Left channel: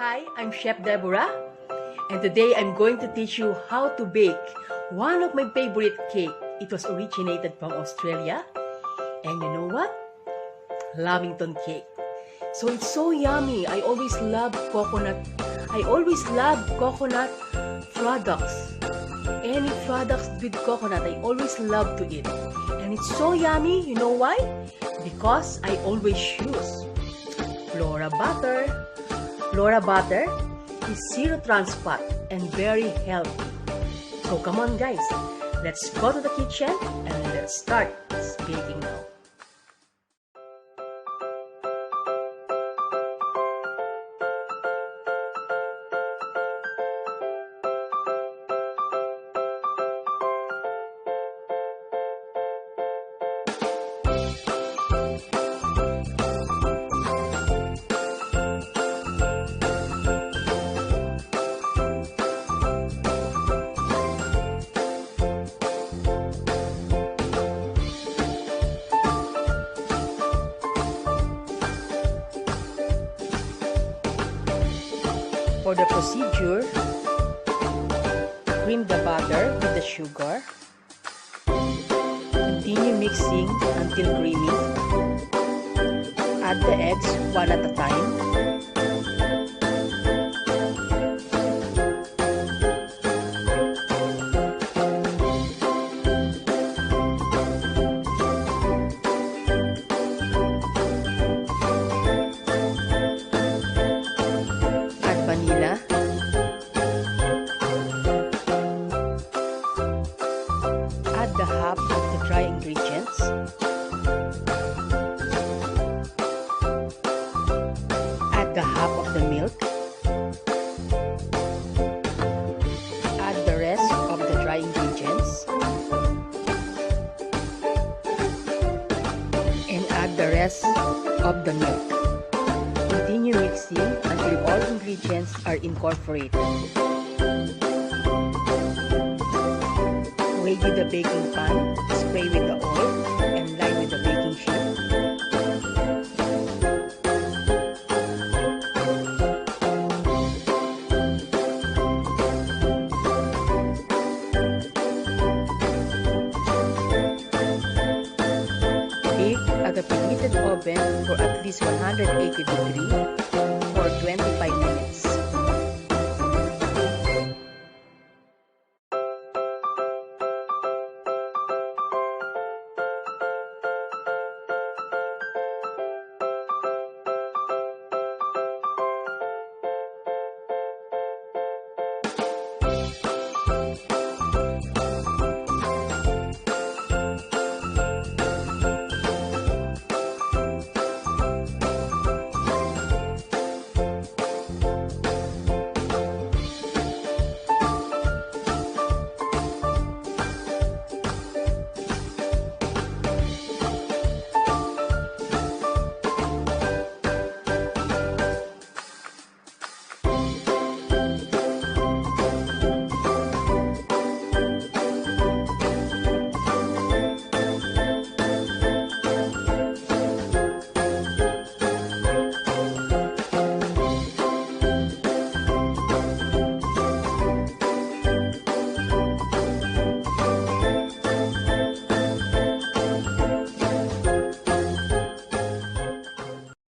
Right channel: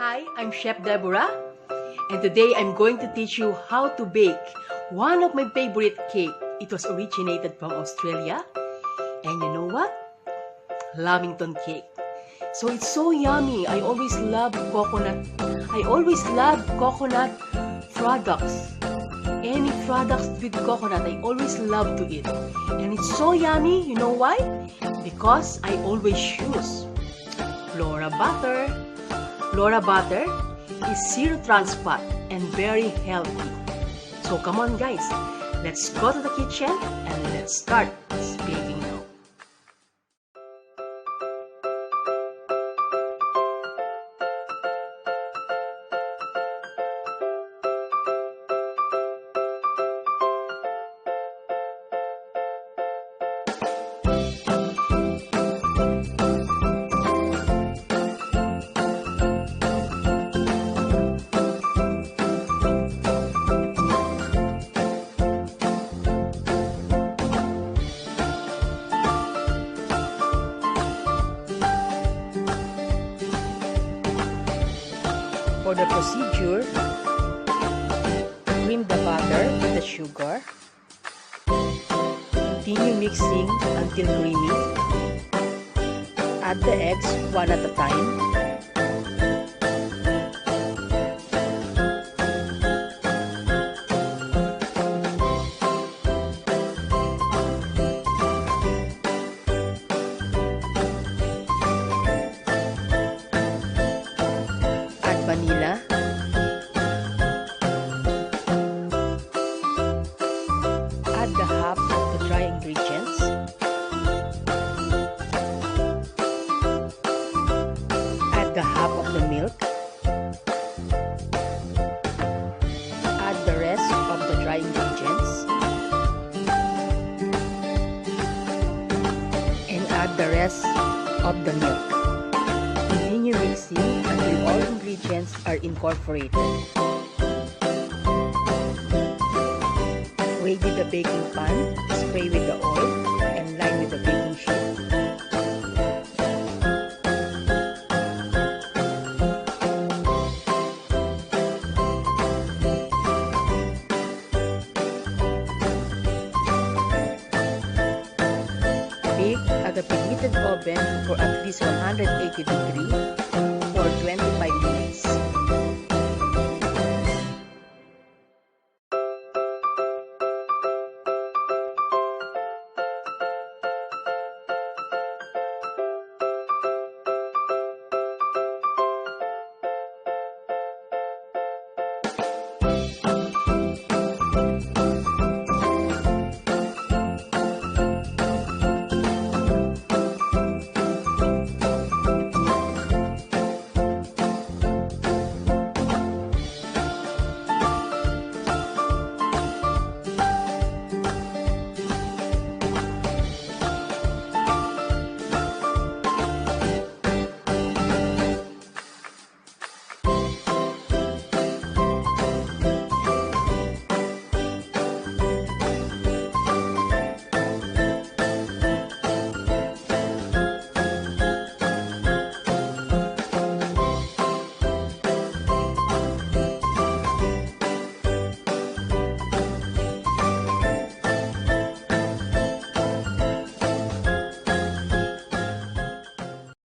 Hi, I'm Chef Deborah, and today I'm going to teach you how to bake one of my favorite cake. It was originated from Australia, and you know what? Lamington Cake. So it's so yummy. I always love coconut products. Any products with coconut, I always love to eat. And it's so yummy. You know why? Because I always use Flora butter. Flora butter is zero trans fat and very healthy. So come on guys, let's go to the kitchen and let's start baking now. For the procedure, cream the butter with the sugar. Continue mixing until creamy. Add the eggs one at a time. Vanilla, add the half of the dry ingredients, add the half of the milk, add the rest of the dry ingredients, and add the rest of the milk. Continue mixing until all ingredients are incorporated. Ready the baking pan, spray with the oil, and line with the baking sheet. Bake at a preheated oven for at least 180 degrees for 25 minutes.